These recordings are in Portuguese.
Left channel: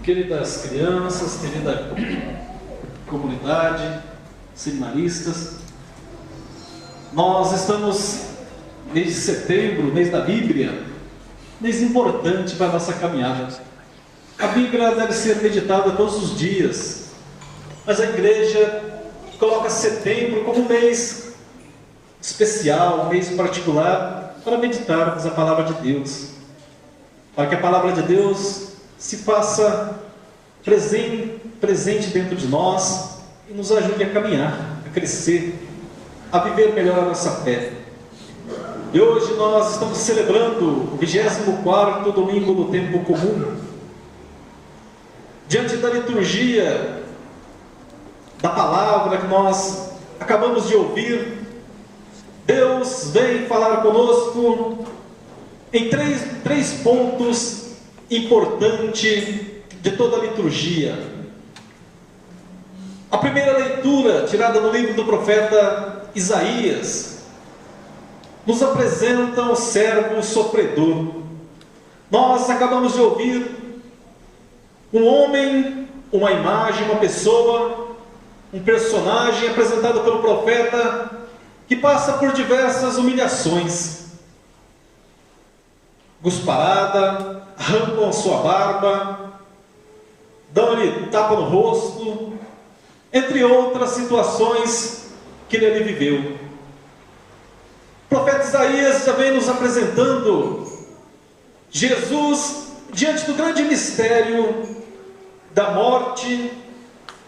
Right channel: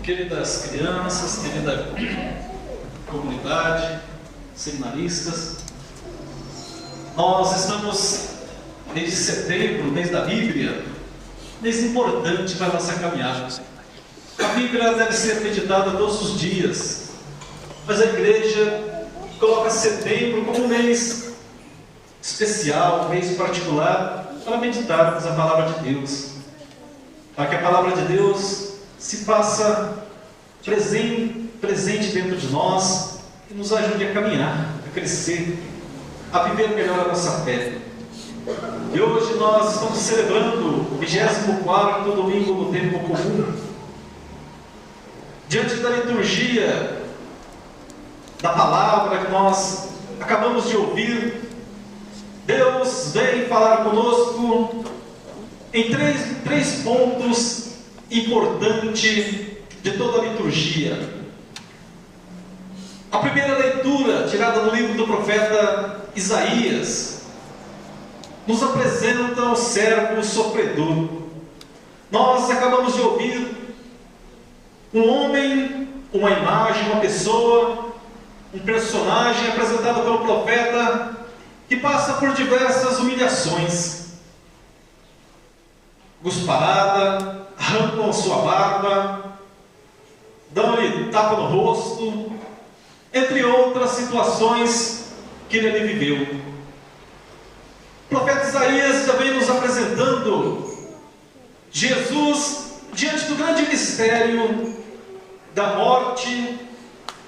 Queridas crianças, querida comunidade, seminaristas, nós estamos mês de setembro, mês da Bíblia, mês importante para a nossa caminhada. A Bíblia deve ser meditada todos os dias, mas a igreja coloca setembro como um mês especial, um mês particular para meditarmos a palavra de Deus, para que a palavra de Deus se faça presente dentro de nós e nos ajude a caminhar, a crescer, a viver melhor a nossa fé. E hoje nós estamos celebrando o 24º domingo do tempo comum. Diante da liturgia da palavra que nós acabamos de ouvir, Deus vem falar conosco em três pontos importantes de toda a liturgia. A primeira leitura, tirada do livro do profeta Isaías, nos apresenta o servo sofredor. Nós acabamos de ouvir um homem, uma imagem, uma pessoa, um personagem apresentado pelo profeta que passa por diversas humilhações. Cusparada, arrancam sua barba, dão-lhe tapa no rosto, entre outras situações que ele viveu. O profeta Isaías já vem nos apresentando Jesus diante do grande mistério da morte,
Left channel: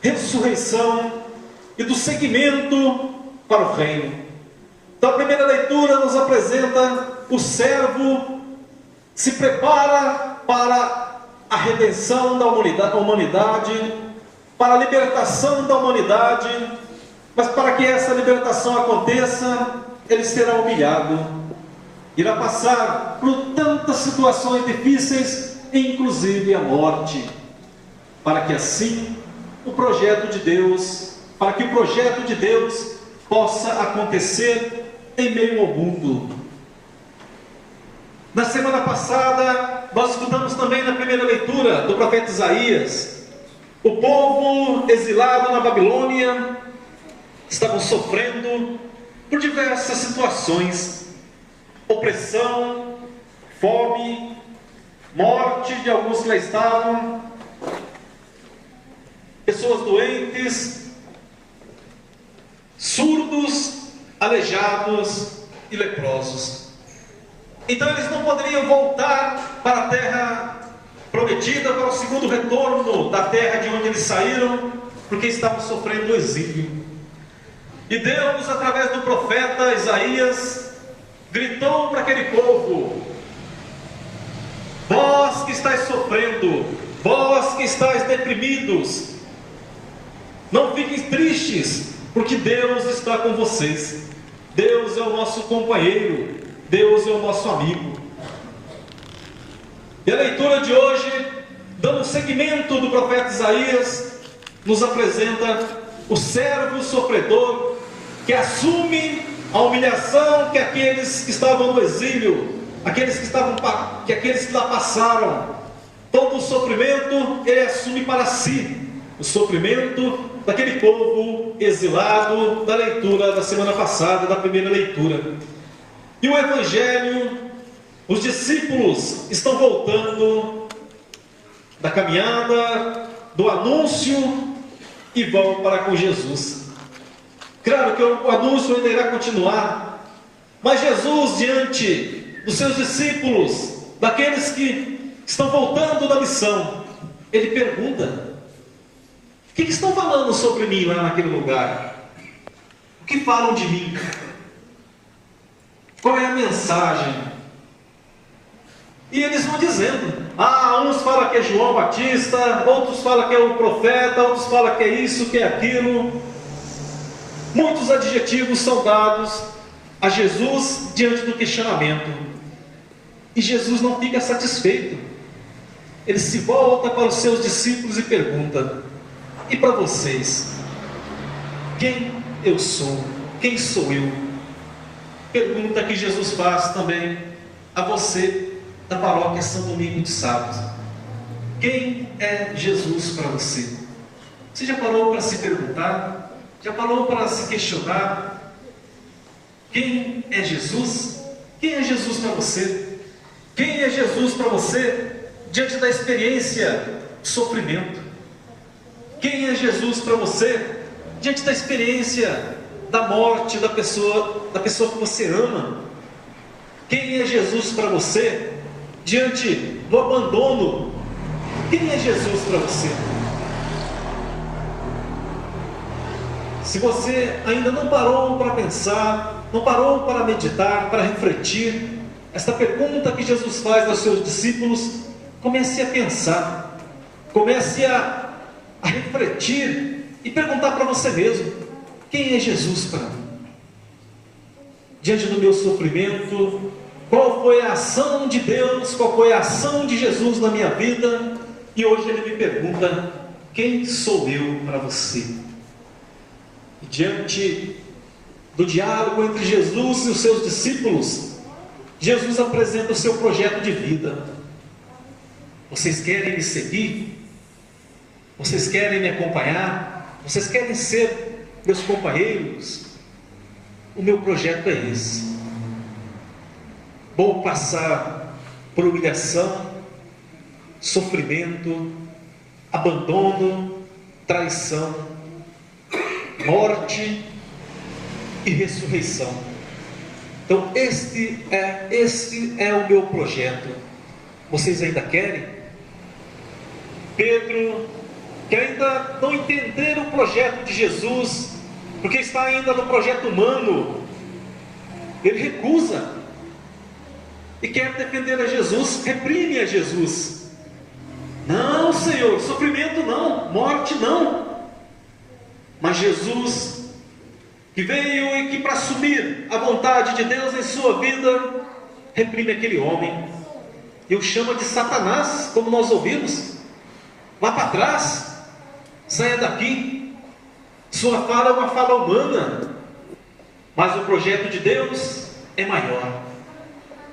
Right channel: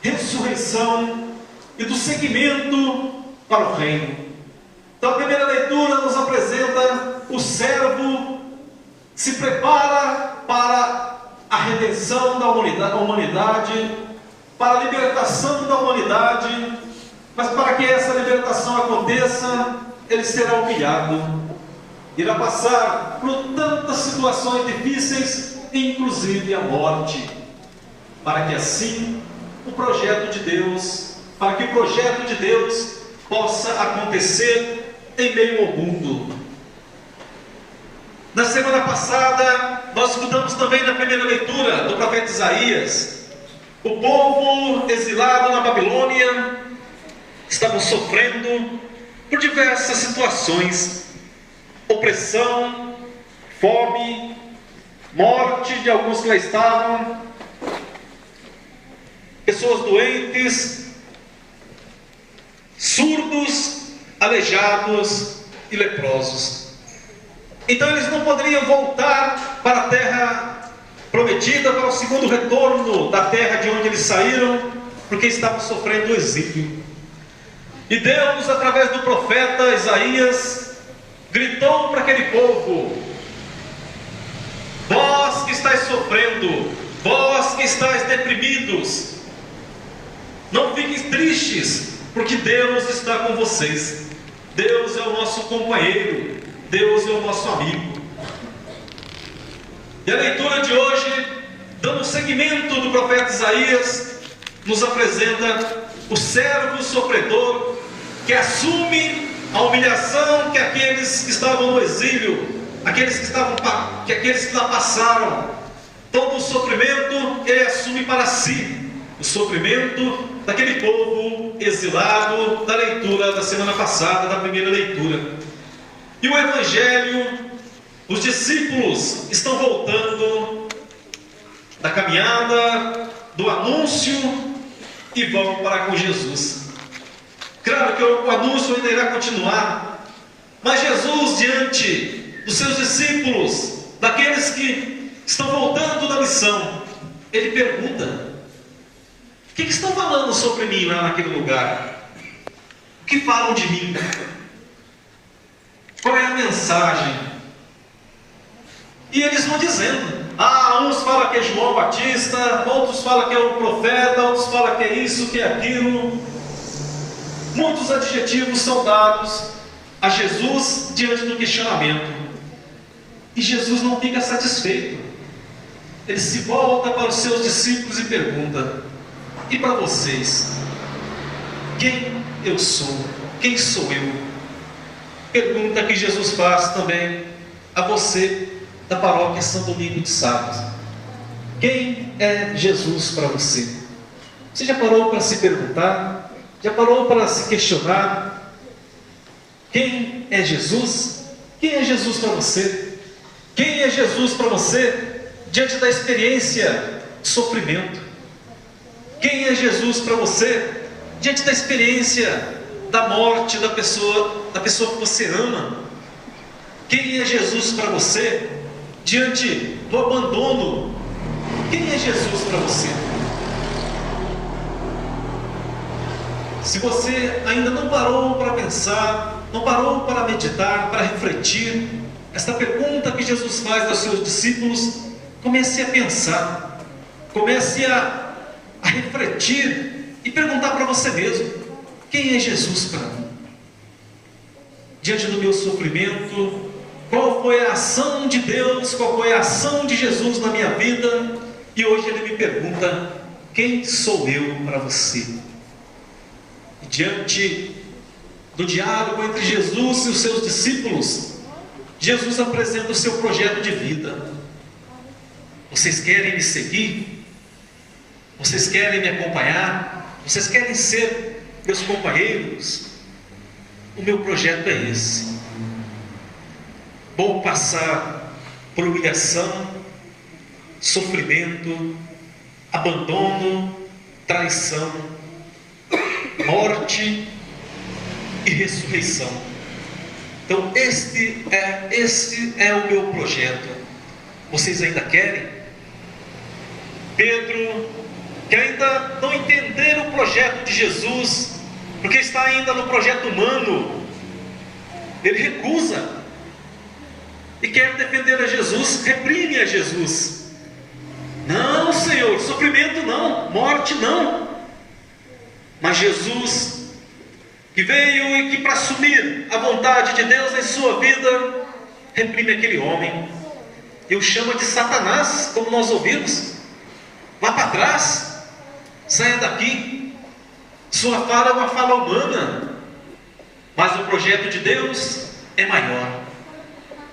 ressurreição e do seguimento para o reino. Então a primeira leitura nos apresenta o servo se prepara para a redenção da humanidade, para a libertação da humanidade, mas para que essa libertação aconteça, ele será humilhado, irá passar por tantas situações difíceis, inclusive a morte, para que assim o projeto de Deus, para que o projeto de Deus possa acontecer em meio ao mundo. Na semana passada, nós escutamos também na primeira leitura do profeta Isaías, o povo exilado na Babilônia estava sofrendo por diversas situações, opressão, fome, morte de alguns que lá estavam, pessoas doentes, surdos, aleijados e leprosos. Então eles não poderiam voltar para a terra prometida, para o segundo retorno da terra de onde eles saíram, porque estavam sofrendo o exílio. E Deus, através do profeta Isaías, gritou para aquele povo: vós que estáis sofrendo, vós que estáis deprimidos, não fiquem tristes, porque Deus está com vocês. Deus é o nosso companheiro, Deus é o nosso amigo. E a leitura de hoje, dando seguimento do profeta Isaías, nos apresenta o servo sofredor que assume a humilhação que aqueles que estavam no exílio, aqueles que lá passaram, todo o sofrimento ele assume para si, o sofrimento daquele povo exilado da leitura da semana passada, da primeira leitura. E o Evangelho, os discípulos estão voltando da caminhada, do anúncio, e vão para com Jesus. Claro que o anúncio ainda irá continuar, mas Jesus, diante dos seus discípulos, daqueles que estão voltando da missão, ele pergunta: o que estão falando sobre mim lá naquele lugar? O que falam de mim? Qual é a mensagem? E eles vão dizendo: uns falam que é João Batista, outros falam que é o profeta, outros falam que é isso, que é aquilo. Muitos adjetivos são dados a Jesus diante do questionamento. E Jesus não fica satisfeito. Ele se volta para os seus discípulos e pergunta: e para vocês? Quem eu sou? Quem sou eu? Pergunta que Jesus faz também a você da paróquia São Domingos de Sávio. Quem é Jesus para você? Você já parou para se perguntar? Já parou para se questionar? Quem é Jesus? Quem é Jesus para você? Quem é Jesus para você diante da experiência de sofrimento? Quem é Jesus para você diante da experiência da morte da pessoa que você ama? Quem é Jesus para você diante do abandono? Quem é Jesus para você? Se você ainda não parou para pensar, não parou para meditar, para refletir, esta pergunta que Jesus faz aos seus discípulos, comece a pensar, comece a refletir e perguntar para você mesmo: quem é Jesus para mim? Diante do meu sofrimento, qual foi a ação de Deus, qual foi a ação de Jesus na minha vida? E hoje Ele me pergunta: quem sou eu para você? E diante do diálogo entre Jesus e os seus discípulos, Jesus apresenta o seu projeto de vida. Vocês querem me seguir? Vocês querem me acompanhar? Vocês querem ser meus companheiros? O meu projeto é esse. Vou passar por humilhação, sofrimento, abandono, traição, morte e ressurreição. Então este é o meu projeto. Vocês ainda querem? Pedro, que ainda não entenderam o projeto de Jesus, porque está ainda no projeto humano, ele recusa e quer defender a Jesus, reprime a Jesus. Não, Senhor, sofrimento não, morte não. Mas Jesus, que veio e que para assumir a vontade de Deus em sua vida, reprime aquele homem e o chama de Satanás, como nós ouvimos. Vá para trás, saia daqui. Sua fala é uma fala humana, mas o projeto de Deus é maior.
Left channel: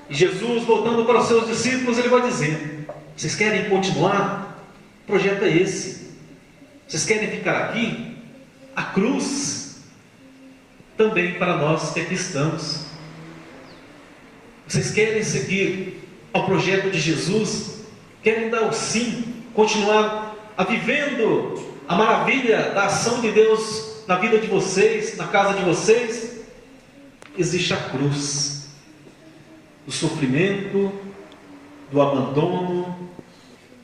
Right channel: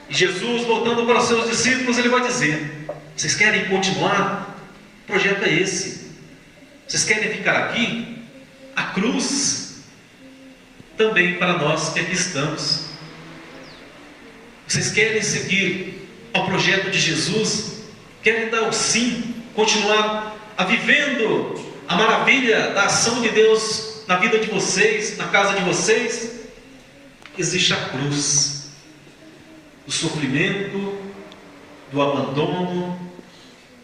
E Jesus, voltando para os seus discípulos, ele vai dizer: vocês querem continuar? O projeto é esse. Vocês querem ficar aqui? A cruz também para nós que aqui estamos. Vocês querem seguir ao projeto de Jesus? Querem dar o sim, continuar vivendo a maravilha da ação de Deus na vida de vocês, na casa de vocês? Existe a cruz do sofrimento, do abandono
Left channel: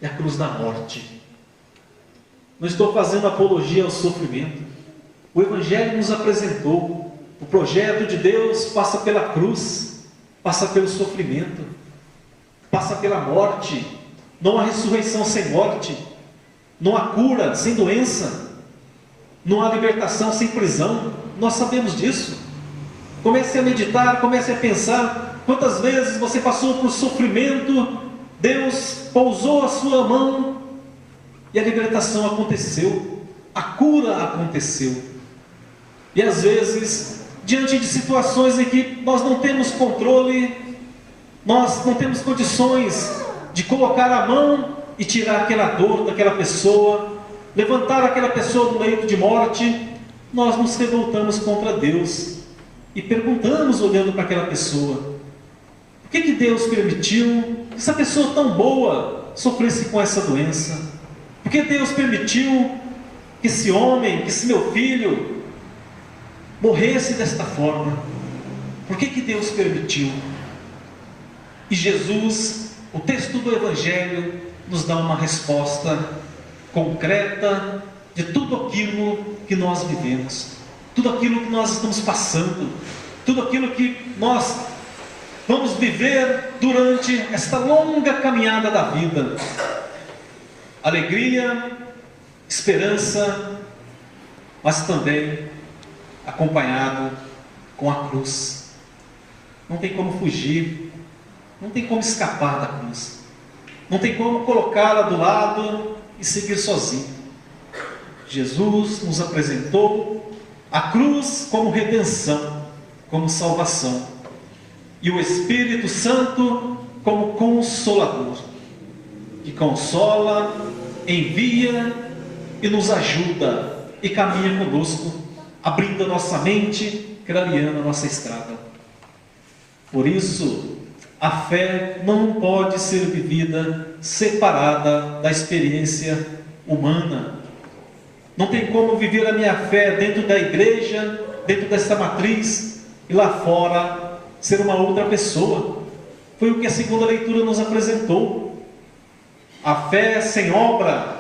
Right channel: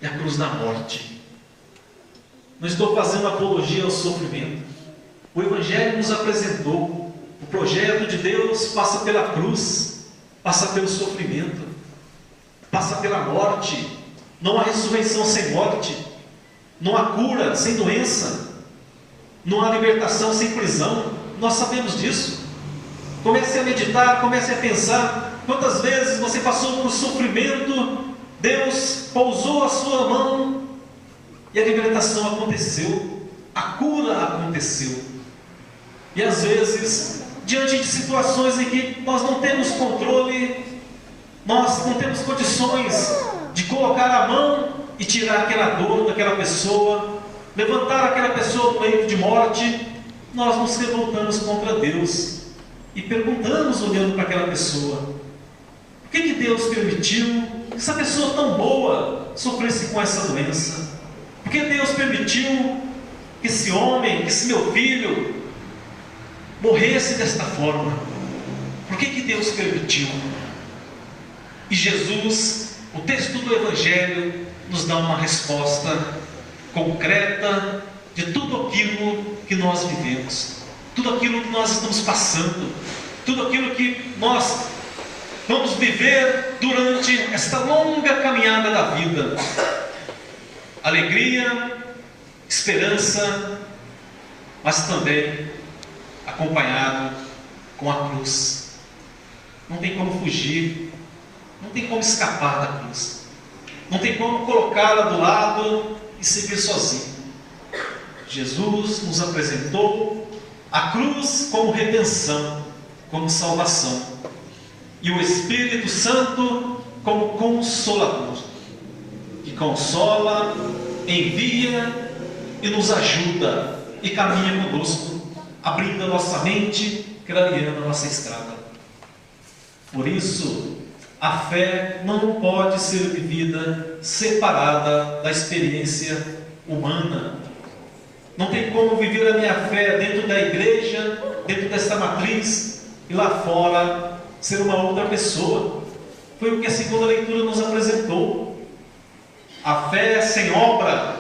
e a cruz da morte. Não estou fazendo apologia ao sofrimento. O Evangelho nos apresentou: o projeto de Deus passa pela cruz, passa pelo sofrimento, passa pela morte. Não há ressurreição sem morte, não há cura sem doença, não há libertação sem prisão. Nós sabemos disso. Comece a meditar, comece a pensar quantas vezes você passou por sofrimento, Deus pousou a sua mão e a libertação aconteceu, a cura aconteceu. E às vezes, diante de situações em que nós não temos controle, nós não temos condições de colocar a mão e tirar aquela dor daquela pessoa, levantar aquela pessoa do leito de morte, nós nos revoltamos contra Deus e perguntamos, olhando para aquela pessoa: por que Deus permitiu que essa pessoa tão boa sofresse com essa doença? Por que Deus permitiu que esse homem, que esse meu filho morresse desta forma? Por que Deus permitiu? E Jesus, o texto do Evangelho, nos dá uma resposta concreta de tudo aquilo que nós vivemos, tudo aquilo que nós estamos passando, tudo aquilo que nós vamos viver durante esta longa caminhada da vida. Alegria, esperança, mas também acompanhado com a cruz. Não tem como fugir, não tem como escapar da cruz, não tem como colocá-la do lado e seguir sozinho. Jesus nos apresentou a cruz como redenção, como salvação, e o Espírito Santo como consolador. que consola, envia e nos ajuda e caminha conosco, abrindo a nossa mente, clareando a nossa estrada. Por isso, a fé não pode ser vivida separada da experiência humana. Não tem como viver a minha fé dentro da igreja, dentro desta matriz, e lá fora ser uma outra pessoa. Foi o que a segunda leitura nos apresentou. A fé sem obra